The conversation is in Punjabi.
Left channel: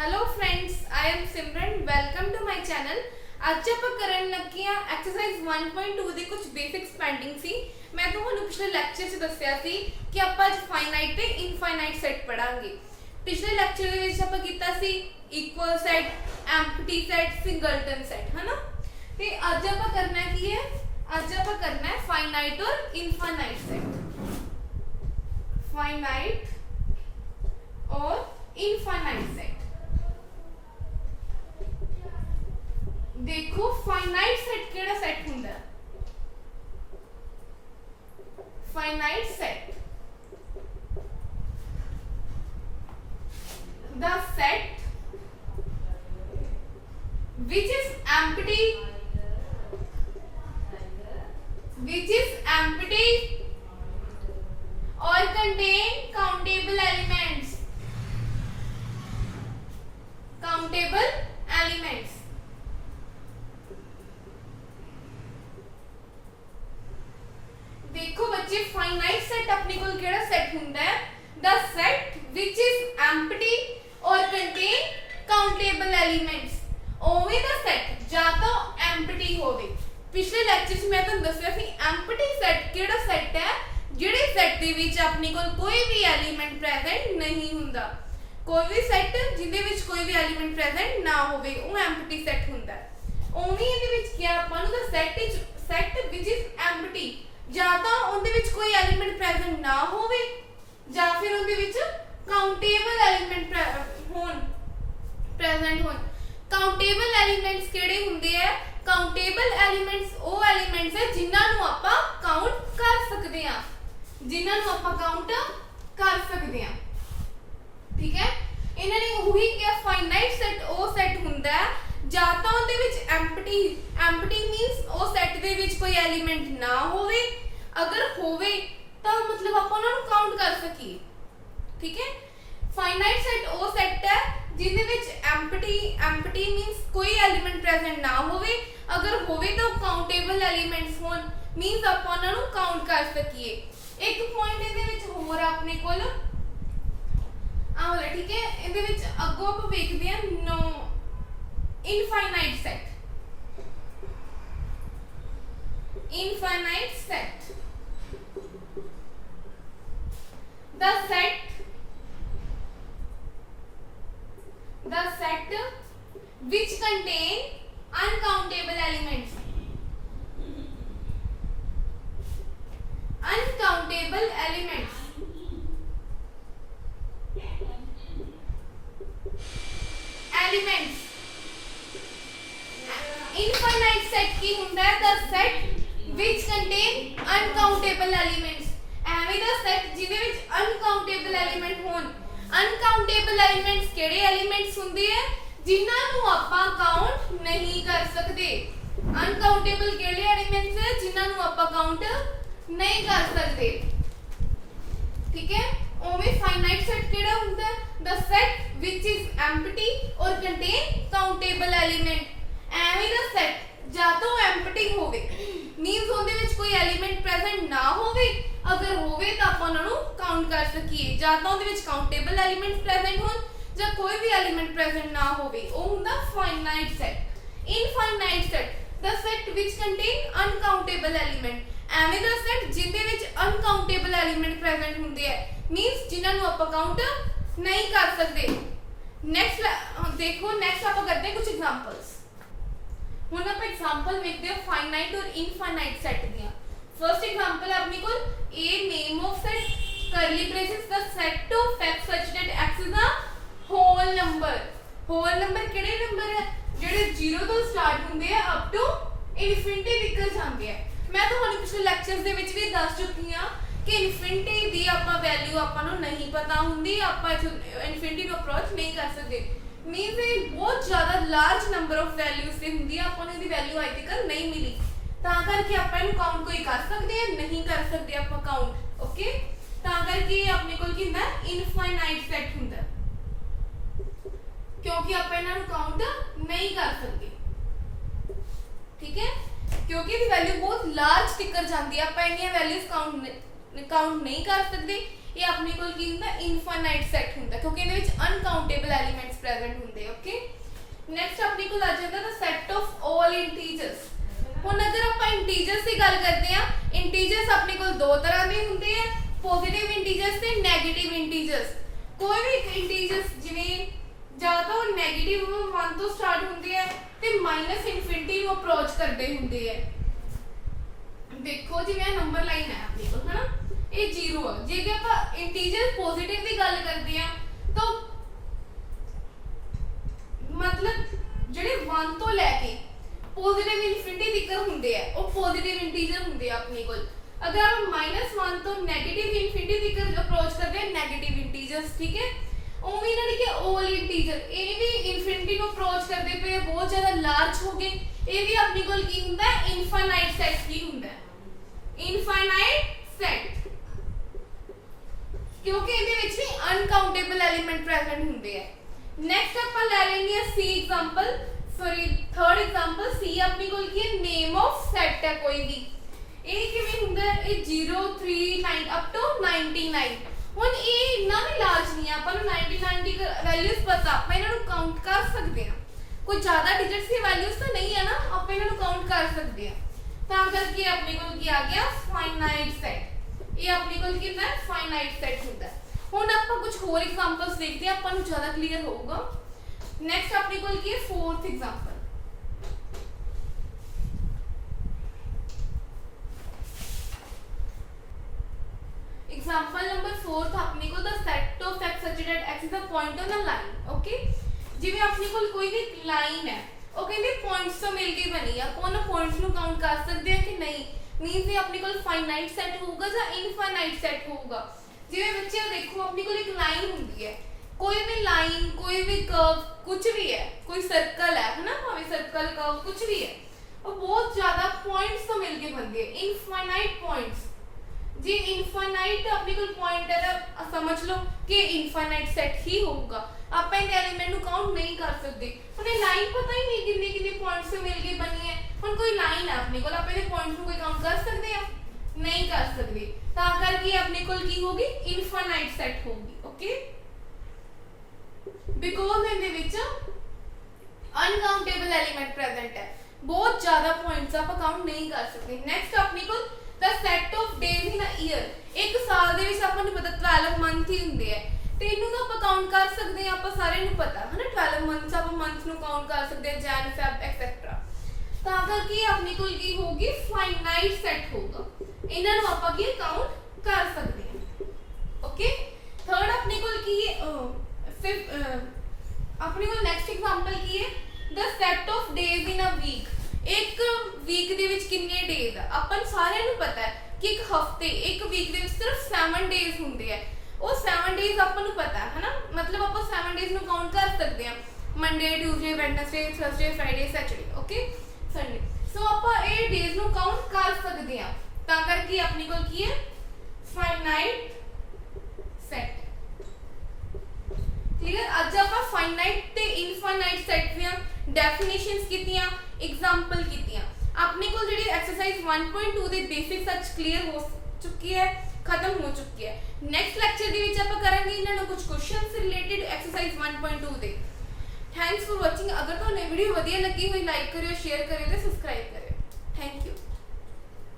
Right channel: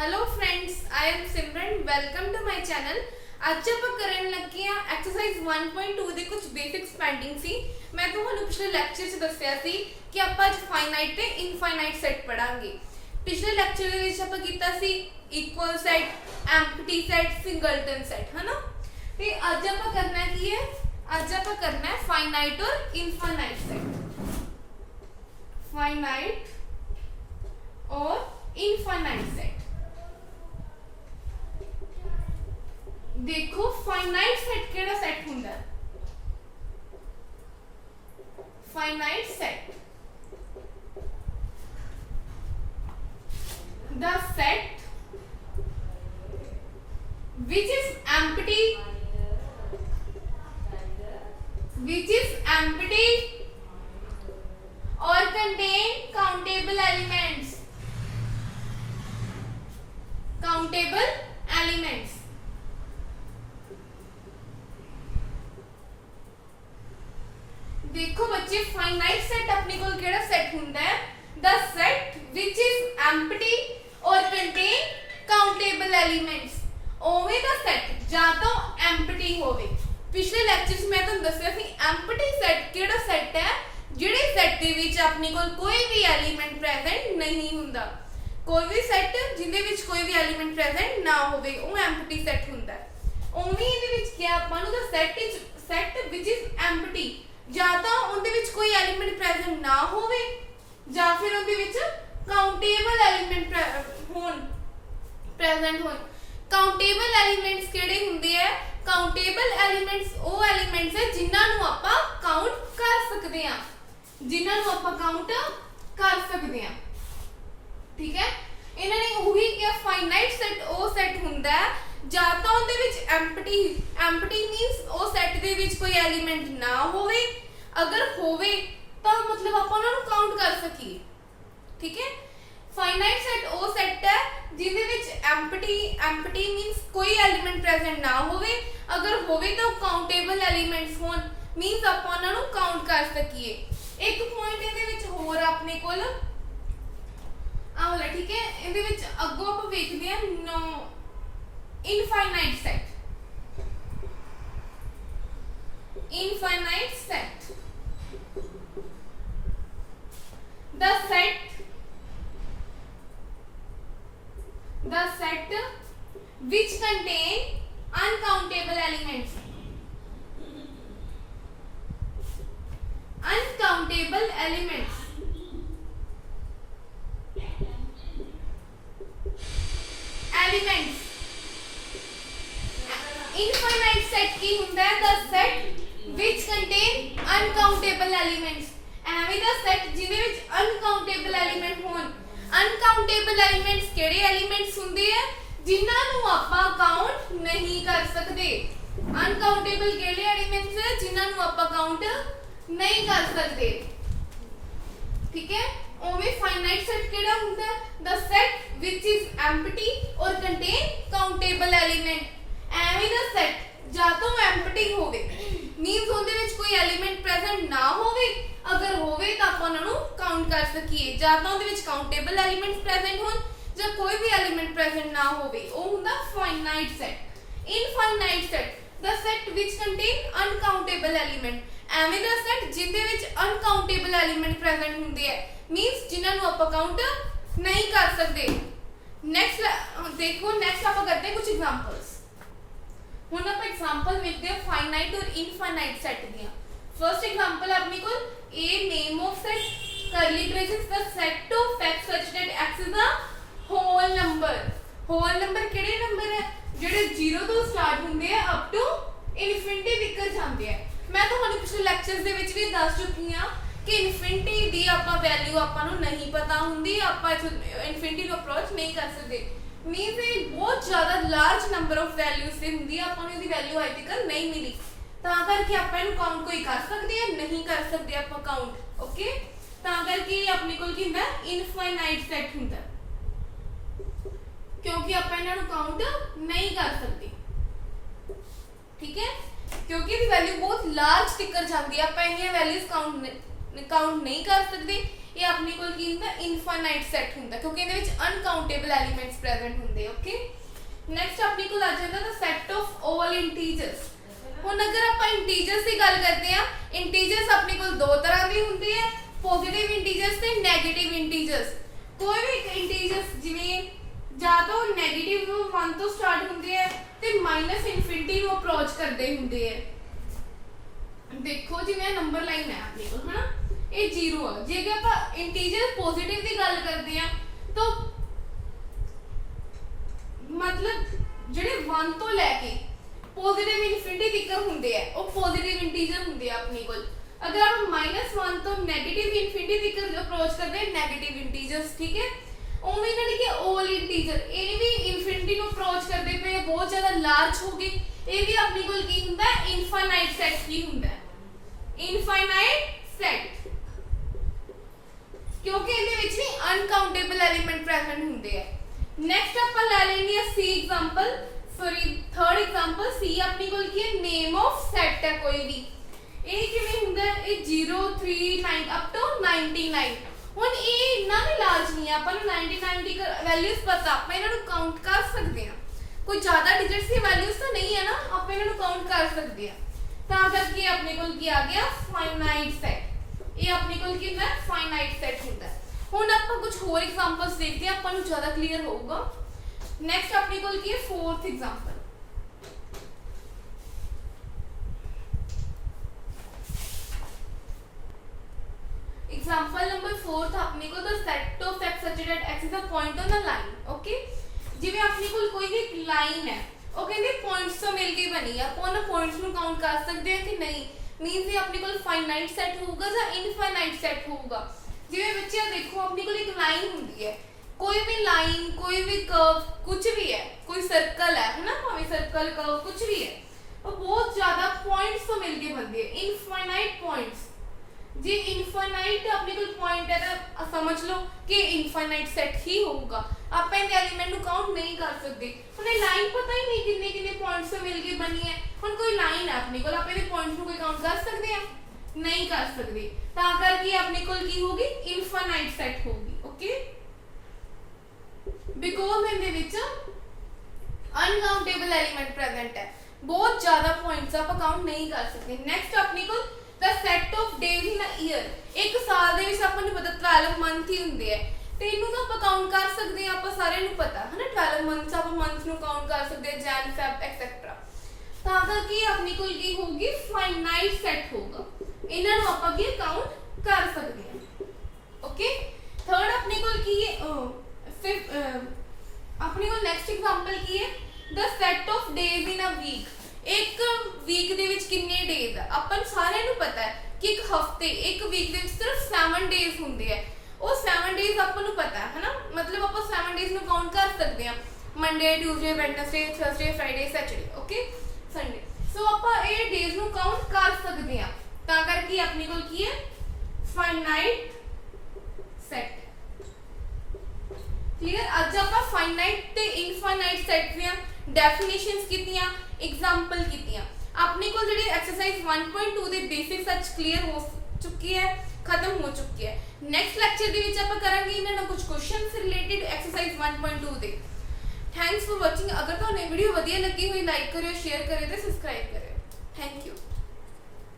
Hello friends, I am Simran. Welcome to my channel. ਅੱਜ ਆਪਾਂ ਕਰਨ ਲੱਗੇ ਆ ਐਕਸਰਸਾਈਜ਼ 1.2 ਦੇ ਕੁਝ ਬੇਸਿਕਸ ਪੈਂਡਿੰਗ ਸੀ। ਮੈਂ ਤੁਹਾਨੂੰ ਪਿਛਲੇ ਲੈਕਚਰ 'ਚ ਦੱਸਿਆ ਸੀ ਕਿ ਆਪਾਂ ਅੱਜ ਫਾਈਨਾਈਟ ਤੇ ਇਨਫਾਈਨਾਈਟ ਸੈਟ ਪੜਾਂਗੇ। ਪਿਛਲੇ ਲੈਕਚਰ ਦੇ ਵਿੱਚ ਆਪਾਂ ਕੀਤਾ ਸੀ equal set, empty set, singleton set, ਹੈ ਨਾ। ਤੇ ਅੱਜ ਆਪਾਂ ਕਰਨਾ ਕੀ ਹੈ? ਅੱਜ ਆਪਾਂ ਕਰਨਾ ਹੈ फाइनाइट और इनफाइनाइट सेट। फाइनाइट और इनफाइनाइट सेट। देखो फाइनाइट सेट केड़ा सेट हुंदा है? Finite set the set which is empty or contain countable elements। देखो बच्चे, फाइनाइट सेट अपने को केड़ा सेट हुंदा है? The set which is empty और कंटेन काउंटेबल एलिमेंट्स। ओवे दा सेट जा तो एम्प्टी होवे। पिछले लेक्चर में तुहानू दस्सिया सी एम्प्टी सेट केड़ा सेट है? जिहड़े सेट दे विच अपने को कोई भी एलिमेंट प्रेजेंट नहीं हुंदा। कोई भी सेट जिहदे विच कोई भी एलिमेंट प्रेजेंट ना होवे वो एम्प्टी सेट हुंदा है। ओवे इहदे विच क्या आपां नू the set which is empty ਜਾਂ ਤਾਂ ਉਹਦੇ ਵਿੱਚ ਕੋਈ ਐਲੀਮੈਂਟ ਪ੍ਰੈਜ਼ੈਂਟ ਨਾ ਹੋਵੇ ਜਾਂ ਫਿਰ ਉਹਦੇ ਵਿੱਚ ਕਾਊਂਟੇਬਲ ਐਲੀਮੈਂਟ ਪ੍ਰੈਜ਼ੈਂਟ ਹੋਣ। ਕਾਊਂਟੇਬਲ ਐਲੀਮੈਂਟਸ ਕਿਹੜੇ ਹੁੰਦੇ ਆ? ਕਾਊਂਟੇਬਲ ਐਲੀਮੈਂਟਸ ਉਹ ਐਲੀਮੈਂਟਸ ਹੈ ਜਿਨ੍ਹਾਂ ਨੂੰ ਆਪਾਂ ਕਾਊਂਟ ਕਰ ਸਕਦੇ ਹਾਂ, ਠੀਕ ਹੈ। ਇਹਨਾਂ ਨੇ ਉਹੀ ਕਿਹਾ ਫਾਈਨਾਈਟ ਸੈਟ ਉਹ ਸੈਟ ਹੁੰਦਾ ਹੈ ਜਾਂ ਤਾਂ ਉਹਦੇ ਵਿੱਚ ਐਮਪਟੀ ਮੀਨਸ ਉਹ ਸੈਟ ਦੇ ਵਿੱਚ ਕੋਈ ਐਲੀਮੈਂਟ ਨਾ ਹੋਵੇ, ਅਗਰ ਹੋਵੇ ਤਾਂ ਮਤਲਬ ਆਪਾਂ ਉਹਨਾਂ ਨੂੰ ਕਾਊਂਟ ਕਰ ਸਕੀਏ, ਠੀਕ ਹੈ। ਫਾਈਨਾਈਟ ਸੈਟ ਉਹ ਸੈਟ ਹੈ ਜਿਹਦੇ ਵਿੱਚ ਐਮਪਟੀ ਮੀਨਸ ਕੋਈ ਐਲੀਮੈਂਟ ਪ੍ਰੈਜ਼ੈਂਟ ਨਾ ਹੋਵੇ, ਅਗਰ ਹੋਵੇ ਤਾਂ ਕਾਊਂਟੇਬਲ ਐਲੀਮੈਂਟਸ ਹੋਣ ਮੀਨਸ ਆਪਾਂ ਉਹਨਾਂ ਨੂੰ ਕਾਊਂਟ ਕਰ ਸਕੀਏ। ਇੱਕ ਪੁਆਇੰਟ ਇਹਦੇ ਵਿੱਚ ਹੋਰ ਆਪਣੇ ਕੋਲ ਆਹ ਵਾਲਾ, ਠੀਕ ਹੈ। ਇਹਦੇ ਵਿੱਚ ਅੱਗੋਂ ਆਪਾਂ ਵੇਖਦੇ ਹਾਂ now infinite set। the set which contain uncountable elements। Infinite set की हुंदा है the set which contain uncountable elements. एवें दा सेट जिदे विच अनकाउंटेबल एलिमेंट होण। अनकाउंटेबल एलिमेंट्स केड़े एलिमेंट्स हुंदे है? जिन्हां नूं आपां काउंट नहीं कर सकदे। अनकाउंटेबल केड़े एलिमेंट्स है? जिन्हां नूं आपां काउंट नहीं कर सकदे, ठीक है। ओवे फाइनाइट सेट केड़ा हुंदा है? The set which is empty और कंटेन काउंटेबल एलिमेंट। ਐਵੇਂ ਦਾ ਸੈਟ ਜਾਂ ਤਾਂ ਐਮਪਟੀ ਹੋਵੇ ਮੀਨਸ ਉਹਦੇ ਵਿੱਚ ਕੋਈ ਐਲੀਮੈਂਟ ਪ੍ਰੈਜ਼ੈਂਟ ਨਾ ਹੋਵੇ, ਅਗਰ ਹੋਵੇ ਤਾਂ ਆਪਾਂ ਉਹਨਾਂ ਨੂੰ ਕਾਊਂਟ ਕਰ ਸਕੀਏ, ਜਾਂ ਤਾਂ ਉਹਦੇ ਵਿੱਚ ਕਾਊਂਟੇਬਲ ਐਲੀਮੈਂਟਸ ਪ੍ਰੈਜ਼ੈਂਟ ਹੋਣ ਜਾਂ ਕੋਈ ਵੀ ਐਲੀਮੈਂਟ ਪ੍ਰੈਜ਼ੈਂਟ ਨਾ ਹੋਵੇ, ਉਹ ਹੁੰਦਾ ਫਾਈਨਾਈਟ ਸੈਟ। ਇਨਫਾਈਨਾਈਟ ਸੈਟ ਦ ਸੈਟ ਵਿਚ ਕੰਟੇਨ ਅਨਕਾਊਂਟੇਬਲ ਐਲੀਮੈਂਟ। ਐਵੇਂ ਦਾ ਸੈਟ ਜਿਹਦੇ ਵਿੱਚ ਅਨਕਾਊਂਟੇਬਲ ਐਲੀਮੈਂਟ ਪ੍ਰੈਜ਼ੈਂਟ ਹੁੰਦੇ ਆ ਮੀਨਸ ਜਿਨ੍ਹਾਂ ਨੂੰ ਆਪਾਂ ਕਾਊਂਟ ਨਹੀਂ ਕਰ ਸਕਦੇ। ਨੈਕਸਟ ਦੇਖੋ, ਨੈਕਸਟ ਆਪਾਂ ਕਰਦੇ ਹਾਂ ਕੁਝ ਐਗਜ਼ਾਮਪਲਸ। ਹੁਣ ਆਪਾਂ एग्जांपल ਵੇਖਦੇ ਹਾਂ फाइनाइट और इनफाइनाइट सेट ਦੀਆਂ। फर्स्ट एग्जांपल अपने को a name of set curly braces the set of facts such that x is the whole number। whole number ਕਿਹੜੇ ਨੰਬਰ ਹੈ? ਜਿਹੜੇ 0 ਤੋਂ ਸਟਾਰਟ ਹੁੰਦੇ ਆ ਅਪ ਟੂ ਇਨਫਿਨਿਟੀ ਤੱਕ ਜਾਂਦੇ ਆ। ਮੈਂ ਤੁਹਾਨੂੰ ਪਿਛਲੇ ਲੈਕਚਰਸ ਦੇ ਵਿੱਚ ਵੀ ਦੱਸ ਚੁੱਕੀ ਹਾਂ ਕਿ ਇਨਫਿਨਿਟੀ ਦੀ ਆਪਾਂ ਵੈਲਿਊ ਆਪਾਂ ਨੂੰ ਨਹੀਂ ਪਤਾ ਹੁੰਦੀ, ਆਪਾਂ ਇਨਫਿਨਿਟੀ ਨੂੰ ਅਪਰੋਚ ਨਹੀਂ ਕਰ ਸਕਦੇ। मीन्स ये बहुत ज़्यादा लार्ज नंबर ऑफ वैल्यूज से हुंदी है, आपको इहदी वैल्यू अज तक नहीं मिली, तां करके आपां इहनूं काउंट कोई कर सकदे हैं नहीं कर सकदे आपां काउंट, ओके। तां करके अपने कोल की हुंदा इनफाइनाइट सेट हुंदा क्योंकि आपां इहनां नूं काउंट नहीं कर सकदे, ठीक है। क्योंकि इहदी वैल्यू बहुत लार्ज टिकर जांदी है, आपां इन्नियां वैल्यूज काउंट नहीं कर सकदे। ਇਹ ਆਪਣੇ ਕੋਲ ਕੀ ਹੁੰਦਾ ਇਨਫਾਈਨਾਈਟ ਸੈੱਟ ਹੁੰਦਾ ਕਿਉਂਕਿ ਇਹਦੇ ਵਿੱਚ ਅਨਕਾਊਂਟੇਬਲ ਐਲੀਮੈਂਟਸ ਪ੍ਰੈਜ਼ੈਂਟ ਹੁੰਦੇ ਓਕੇ ਨੈਕਸਟ ਆਪਣੇ ਕੋਲ ਆ ਜਾਂਦਾ ਦਾ ਸੈੱਟ ਆਫ ਆਲ ਇੰਟੀਜਰਸ ਹੁਣ ਅਗਰ ਆਪਾਂ ਇੰਟੀਜਰਸ ਦੀ ਗੱਲ ਕਰਦੇ ਆ ਇੰਟੀਜਰਸ ਆਪਣੇ ਕੋਲ ਦੋ ਤਰ੍ਹਾਂ ਦੇ ਹੁੰਦੇ ਆ ਪੋਜ਼ਿਟਿਵ ਇੰਟੀਜਰਸ ਤੇ ਨੈਗੇਟਿਵ ਇੰਟੀਜਰਸ ਕੋਈ ਵੀ ਇੰਟੀਜਰਸ ਜਿਵੇਂ ਜਾਂ ਤਾਂ ਨੈਗੇਟਿਵ 1 ਤੋਂ ਸਟਾਰਟ ਹੁੰਦੇ ਆ ਤੇ ਮਾਈਨਸ ਇਨਫਿਨਿਟੀ ਨੂੰ ਅਪਰੋਚ ਕਰਦੇ ਹੁੰਦੇ ਆ ਦੇਖੋ ਜਿਵੇਂ ਇਹ ਨੰਬਰ ਲਾਈਨ ਹੈ ਆਪਣੇ ਕੋਲ ਹਨਾ ਇਹ 0 ਆ ਜੇ ਕਿ ਆਪਾਂ ਇੰਟੀਜਰ ਪੋਜ਼ਿਟਿਵ ਦੀ ਗੱਲ ਕਰਦੇ ਆ ਤਾਂ मतलब ਜਿਹੜੇ 1 ਤੋਂ ਲੈ ਕੇ ਪੋਜ਼ਿਟਿਵ ਇਨਫਿਨਿਟੀ ਤੱਕ ਹੁੰਦੇ ਆ ਉਹ ਪੋਜ਼ਿਟਿਵ ਇੰਟੀਜਰ ਹੁੰਦੇ ਆ ਆਪਣੇ ਕੋਲ ਅਗਰ ਆਪਾਂ -1 ਤੋਂ ਨੈਗੇਟਿਵ ਇਨਫਿਨਿਟੀ ਤੱਕ ਅਪਰੋਚ ਕਰਦੇ ਆ ਨੈਗੇਟਿਵ ਇੰਟੀਜਰਸ ਠੀਕ ਹੈ ਉਵੇਂ ਨਾ ਕਿ ਆਲ ਇੰਟੀਜਰ ਇਹ ਵੀ ਇਨਫਿਨਿਟੀ ਨੂੰ ਅਪਰੋਚ ਕਰਦੇ ਪਏ ਬਹੁਤ ਜ਼ਿਆਦਾ ਲਾਰਜ ਹੋ ਗਏ ਇਹ ਵੀ ਆਪਣੇ ਕੋਲ ਕੀ ਹੁੰਦਾ ਇਨਫਾਈਨਾਈਟ ਸੈਟ ਕੀ ਹੁੰਦਾ ਇਨਫਾਈਨਾਈਟ ਸੈਟ ਕਿਉਂਕਿ ਇਹਦੇ ਵਿੱਚ ਵੀ ਅਨਕਾਊਂਟੇਬਲ ਐਲੀਮੈਂਟ ਪ੍ਰੈਜ਼ੈਂਟ ਹੁੰਦੇ ਆ नेक्स्ट ਆਪਾਂ ਲੈ ਲੈਣੀ ਹੈ ਸੀ ਐਗਜ਼ਾਮਪਲ ਸੌਰੀ ਥਰਡ ਐਗਜ਼ਾਮਪਲ ਸੀ ਆਪਣੀ ਕੋਲ ਕੀ ਹੈ ਨੇਮ ਆਫ ਸੈਟ ਹੈ ਕੋਈ ਵੀ ਇਹ ਕਿਵੇਂ ਹੁੰਦਾ ਇਹ 0 3 9 ਅਪ ਟੂ 99 ਹੁਣ ਇਹ ਇੰਨਾ ਵੀ ਲਾਰਜ ਨਹੀਂ ਹੈ ਆਪਾਂ ਨੂੰ 99 ਦੀ ਵੈਲਿਊਜ਼ ਪਤਾ ਆਪਾਂ ਇਹਨਾਂ ਨੂੰ ਕਾਊਂਟ ਕਰ ਸਕਦੇ ਹਾਂ ਕੋਈ ਜ਼ਿਆਦਾ ਡਿਜਿਟਸ ਦੀ ਵੈਲਿਊਜ਼ ਤਾਂ ਨਹੀਂ ਹੈ ਨਾ ਆਪਾਂ ਇਹਨਾਂ ਨੂੰ ਕਾਊਂਟ ਕਰ ਸਕਦੇ ਹਾਂ ਤਾਂ ਕਰਕੇ ਆਪਣੇ ਕੋਲ ਕੀ ਆ ਗਿਆ ਫਾਈਨਾਈਟ ਸੈਟ ਇਹ ਆਪਣੇ ਕੋਲ ਕੀ ਹੁੰਦਾ ਫਾਈਨਾਈਟ ਸੈਟ ਹੁੰਦਾ ਹੁਣ ਆਪਾਂ ਕੁਝ ਹੋਰ ਐਗਜ਼ਾਮਪਲਸ ਦੇਖਦੇ ਹਾਂ ਆਪਾਂ ਨੂੰ ਜ਼ਿਆਦਾ ਕਲੀਅਰ ਹੋਊਗਾ ਨੈਕਸਟ ਆਪਣੇ ਕੋਲ ਕੀ ਹੈ ਫੋਰਥ ਐਗਜ਼ਾਮਪਲ एग्जांपल नंबर 4 अपने को the set of x such that x is a point on a line okay जिਵੇਂ अपने ਕੋਲ ਕੋਈ ਵੀ ਲਾਈਨ ਹੈ ਉਹ ਕਹਿੰਦੇ ਪੁਆਇੰਟਸ ਤੋਂ ਮਿਲ ਕੇ ਬਣੀ ਆ ਆਪਾਂ ਉਹਨਾਂ ਪੁਆਇੰਟਸ ਨੂੰ ਕਾਊਂਟ ਕਰ ਸਕਦੇ ਆ ਕਿ ਨਹੀਂ ਮੀਨਸ ਇਹ ਆਪਣੇ ਕੋਲ ਫਾਈਨਾਈਟ ਸੈਟ ਹੋਊਗਾ ਜਾਂ ਇਨਫਾਈਨਾਈਟ ਸੈਟ ਹੋਊਗਾ ਜਿਵੇਂ ਬੱਚਿਆਂ ਦੇਖੋ ਆਪਣੇ ਕੋਲ ਇੱਕ ਲਾਈਨ ਹੁੰਦੀ ਹੈ ਕੋਈ ਵੀ ਲਾਈਨ ਕੋਈ ਵੀ ਕਰਵ ਕੁਝ ਵੀ ਹੈ ਕੋਈ ਸਰਕਲ ਹੈ ਨਾ ਭਾਵੇਂ ਸਰਕਲ ਕਰਵ ਕੁਝ ਵੀ ਹੈ ਉਹ ਬਹੁਤ ਜ਼ਿਆਦਾ ਪੁਆਇੰਟਸ ਤੋਂ ਮਿਲ ਕੇ ਬਣਦੀ ਹੈ ਇਨਫਾਈਨਾਈਟ ਪੁਆਇੰਟਸ जी इनफाइनाइट अपने कोल पॉइंट है तो समझ लो कि इनफाइनाइट सेट ही होगा आप इन एलिमेंट को काउंट नहीं कर सकते उन्हें लाइन पता ही नहीं कितने कितने पॉइंट्स से मिलके बनी है हुन कोई लाइन है अपने कोल आप इन पॉइंट्स को कोई काउंट कर सकते हैं नहीं कर सकते ता करके अपने कोल की होगी इनफाइनाइट सेट होगी okay because in they which uncountable element present है बहुत ज्यादा पॉइंट्स आप काउंट नहीं कर सकते नेक्स्ट अपने कोल the set of days in a year एक साल ਦੇ ਵਿੱਚ ਆਪਾਂ ਨੂੰ ਪਤਾ 12 ਮੰਥ ਹੀ ਹੁੰਦੇ ਆ ਤੇ ਇਹਨੂੰ ਤਾਂ ਆਪਾਂ ਕਾਊਂਟ ਕਰ ਸਕਦੇ ਆ ਆਪਾਂ ਸਾਰਿਆਂ ਨੂੰ ਪਤਾ ਹੈ ਨਾ 12 ਮੰਥਸ ਆਪਾਂ ਮੰਥਸ ਨੂੰ ਕਾਊਂਟ ਕਰ ਸਕਦੇ ਆ ਜਨ ਫੈਬ ਐਕਸੈਟਰਾ ਤਾਂ ਕਰਕੇ ਆਪਣੀ ਕੋਲ ਕੀ ਹੋਊਗੀ ਫਾਈਨਾਈਟ ਸੈਟ ਹੋਊਗਾ ਇਹਨਾਂ ਨੂੰ ਆਪਾਂ ਕੀ ਕਾਊਂਟ ਕਰ ਸਕਦੇ ਆ ਓਕੇ ਥਰਡ ਆਪਣੇ ਕੋਲ ਕੀ ਹੈ ਫਿਰ ਆਪਣੇ ਕੋਲ ਨੈਕਸਟ ਐਗਜ਼ਾਮਪਲ ਕੀ ਹੈ the set of days in a week एक वीक ਦੇ ਵਿੱਚ ਕਿੰਨੇ ਡੇਜ਼ ਆ ਆਪਾਂ ਸਾਰਿਆਂ ਨੂੰ ਪਤਾ ਹੈ ਕਿ ਇੱਕ ਹਫਤੇ ਇੱਕ ਵੀਕ ਦੇ ਵਿੱਚ ਸਿਰਫ 7 ਡੇਜ਼ ਹੁੰਦੇ ਆ ਉਹ 7 ਡੇਜ਼ ਆਪਾਂ ਨੂੰ ਪਤਾ ਹੈ ਨਾ ਮਤਲਬ ਆਪਾਂ 7 ਡੇਜ਼ ਨੂੰ ਕਾਊਂਟ ਕਰ ਸਕਦੇ ਆ Monday Tuesday Wednesday Thursday Friday Saturday okay Sunday so ਆਪਾਂ ਇਹ ਡੇਜ਼ ਨੂੰ ਕਾਊਂਟ ਕਰ ਸਕਦੇ ਆ ਤਾਂ ਕਰਕੇ ਆਪਣੀ ਕੋਲ ਕੀ ਹੈ ਫਾਈਨਾਈਟ ਸੈਟ क्लियर ਅੱਜ ਆਪਾਂ ਫਾਈਨਾਈਟ ਤੇ ਇਨਫਾਈਨਾਈਟ ਸੈਟ ਦੀਆਂ ਡੈਫੀਨੇਸ਼ਨਸ ਕੀਤੀਆਂ एग्जाम्पल कीतियां अपने को ਜਿਹੜੀ एक्सरसाइज 1.2 ਦੇ ਬੇਸਿਕਸ ਅੱਜ ਕਲੀਅਰ ਹੋ ਚੁੱਕੀ ਹੈ ਖਤਮ ਹੋ ਚੁੱਕੀ ਹੈ ਨੈਕਸਟ ਲੈਕਚਰ ਦੇ ਵਿੱਚ ਆਪਾਂ ਕਰਾਂਗੇ ਇਹਨਾਂ ਨਾਲ ਕੁਝ ਕੁਐਸਚਨਸ ਰਿਲੇਟਡ एक्सरसाइज 1.2 ਦੇ ਥੈਂਕਸ ਫॉर ਵਾਚਿੰਗ ਅਗਰ ਤੁਹਾਨੂੰ ਇਹ ਵੀਡੀਓ ਵਧੀਆ ਲੱਗੀ ਹੋਈ ਲਾਈਕ ਕਰਿਓ ਸ਼ੇਅਰ ਕਰਿਓ ਤੇ ਸਬਸਕ੍ਰਾਈਬ ਕਰਿਓ ਥੈਂਕ ਯੂ